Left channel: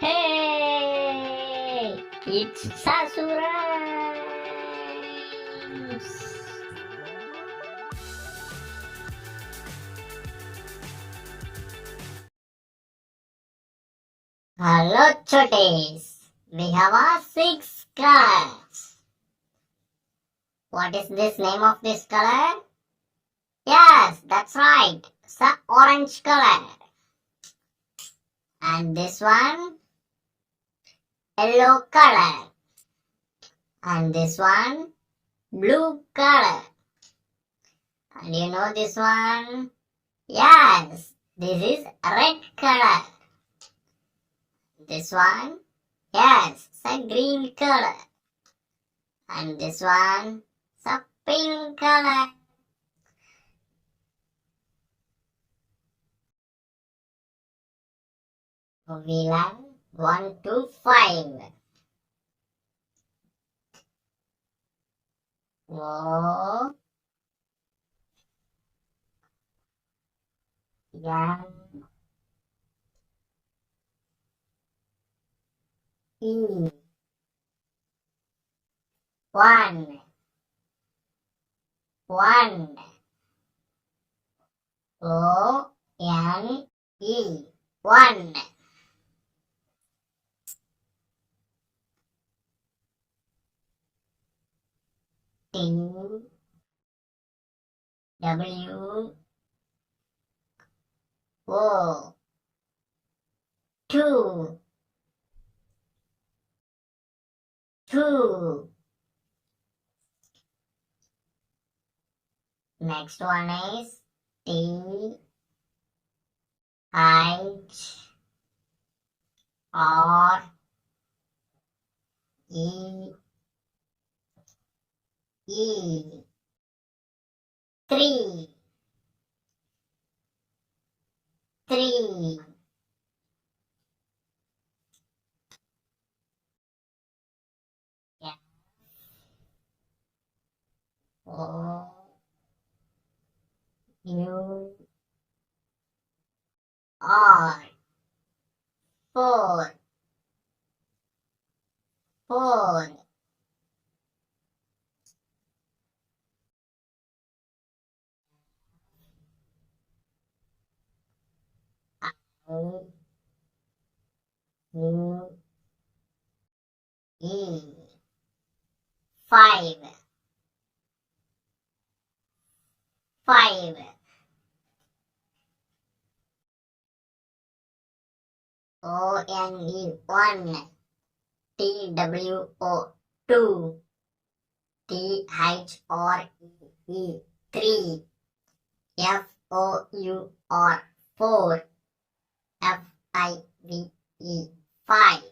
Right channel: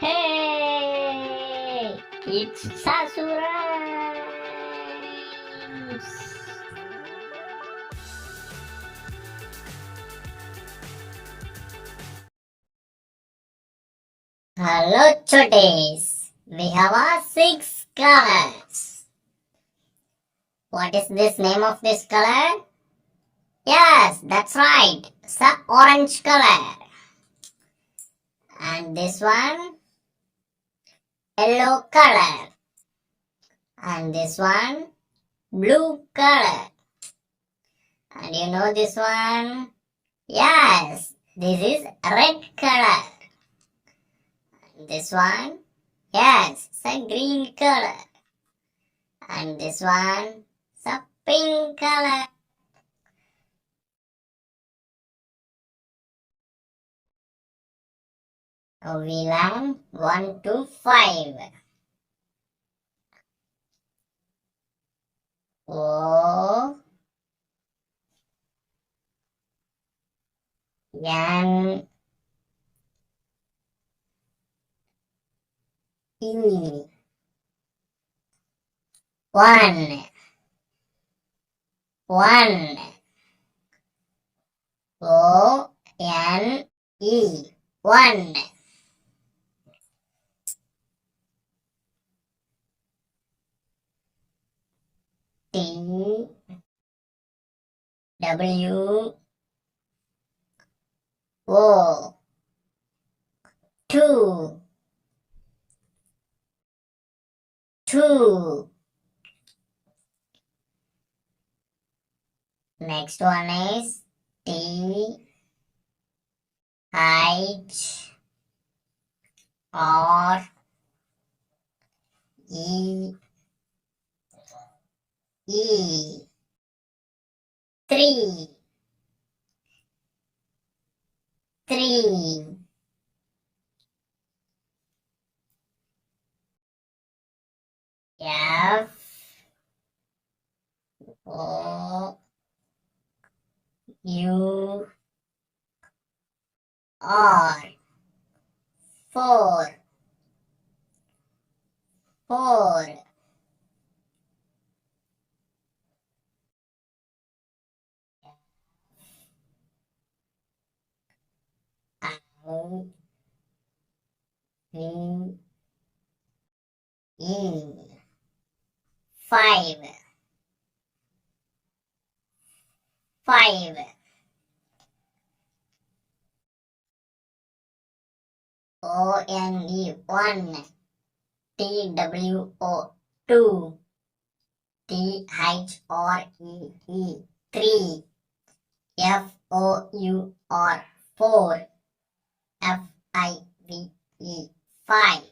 Hey, it's SHASU RHYMES. Hello, Chotis. We have our 6 colors. What is this name of this color? Yes, that's right. It's the orange color. And this one, yellow color. And this one, blue color. And you know this one? Yes, this is red color. This one? Yes, it's a green color. And this one? It's a pink color. We learn 1 to 5. O N E 1 O N E 1 T W O 2 Next one is T H R E 3 F O U R 4 I U E 5 O N E 1 T W O 2 T H R E 3 F O U R 4 F I V E 5